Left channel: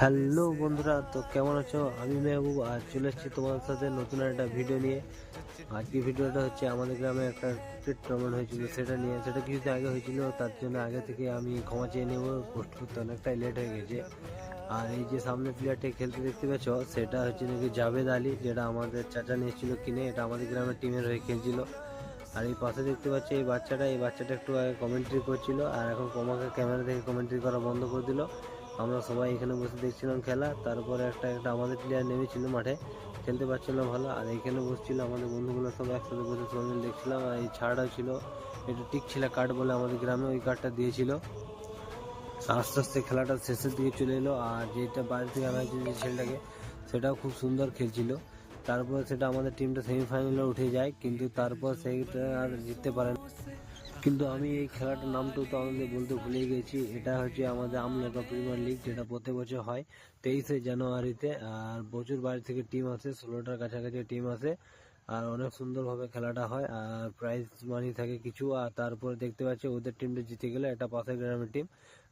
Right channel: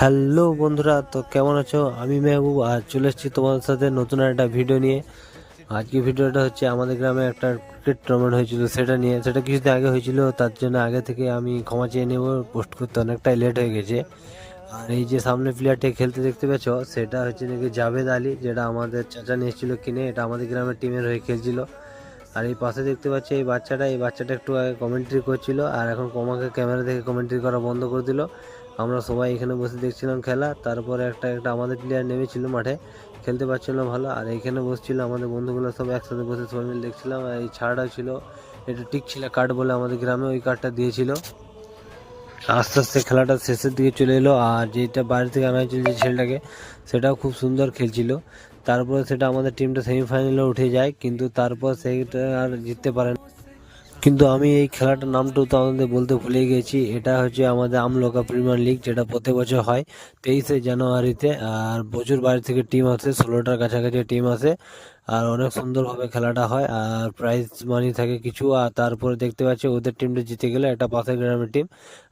Hello বন্ধুরা, তো কেমন আছো? আমি মেহবুব আর চলে এসেছি তোমাদের সাথে নতুন একটা ভিডিও নিয়ে। আজকে ভিডিওটা হচ্ছে আমাদের গ্রামে একটা ক্রিকেট টুর্নামেন্ট হয়েছিল সেটা নিয়ে। সেটা কিছুদিন আগে হয়েছিল, তার জন্য আগে থেকে আমি ক্ষমা চেয়ে নেব, পোস্ট করতে অনেকটাই লেট হয়ে গেছে। আর এই যে সামনে প্লেয়ারটি খেলতে দেখতে পেছো, সেটা হচ্ছে নাকি জাভেদ আলী, যেটা আমাদের চাচা নিয়েছিল কিনে। এটা আমাদের গ্রামের টিমের হয়ে খেলছিল। আর এই পাশে দেখতে পাচ্ছি এই বাচ্চাটা একটু আগে কমেন্ট্রি করছিল, আর এখন আমাকে ক্যামেরা থেকে কমেন্ট্রি করা বন্ধ করে দিল। আমরা সবাই এখানে বসে দেখছিলাম খেলা। তারপরে একটা একটা আমাদের প্লেয়ার নেমেছিল মাঠে, খেলতে পারছিল না ভালো। আর এইখানে বসছিল আমাদের বন্ধুগুলো সব একসাথে বসে সবাই মিলে দেখছিলাম। আর এই ছাড়াও ছিল, এটা টিক ছিল কার্ড বলে আমাদের গ্রামে, ওই কার্ডটা দিয়েছিল। আস্তে আস্তে খেলাটা শেষের দিকে চলে এলো। আর যেটা বাইরে থেকে আনা হয়েছিল যে ছেলেটাকে, সেটাও খুব সুন্দর খেলছিল। তারপরে সেটা আমাদের টিমটা সেমিফাইনালে উঠে যায়, কিন্তু তারপর সেইটা আর জিততে পারে না। কিন্তু আমি এই খেলাটার নামটাও তো আমাদের বলতে ভুলে গেছি। এটা হচ্ছে আমাদের আমলোকা প্রিমিয়ার লিগ, যেটা প্রতি বছর হয় 23শে জানুয়ারিতে। আর প্রচুর বাইরে থেকে টিম আসে, 16টার কাছাকাছি টিম আসে। আর অনেক সুন্দরভাবে খেলাটা হয়, আর প্রাইজ মানি থাকে কিছু। আর তারপরে দেখতে পাচ্ছি ওদের টিমটা জিতে গেলে, একটা পাশের গ্রামের টিম।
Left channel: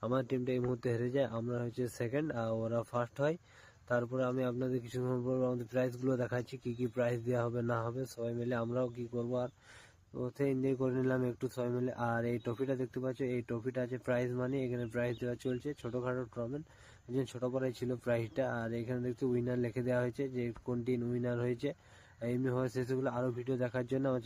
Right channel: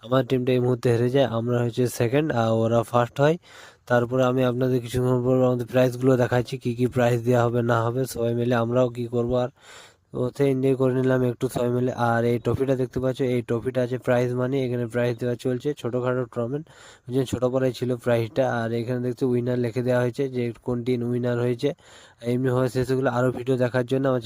আমার টিমটা এই মুহূর্তে হেরে যায়, আমরা হচ্ছে সেকেন্ড আর ওরা ফার্স্ট হয়। তারপরে আমি আপনাদের কিছুক্ষণ পর আমাদের প্রাইজগুলো দেখাচ্ছি, কি কি প্রাইজ দেওয়া হবে না হবে সবাই মিলে আমরাও কি করবো। আর ওতে এনজয় করে নিলাম একটু সবাই মিলে। আর এই ট্রফিটা দেখতে পাচ্ছ, এই ট্রফিটা আছে প্রাইজ মানি, এখানে প্রাইজ দেওয়া চলছে ছোটোখাটো টুর্নামেন্ট, যে ছোট পাড়ায় ছিল প্রাইজটা। আর এখানে দেখতে উইনার লিখে দেওয়া হয়েছে যে কোন টিম উইনার হয়েছে। এমনি হয় সেগুলো আরও ভিডিও দেখার জন্য আমার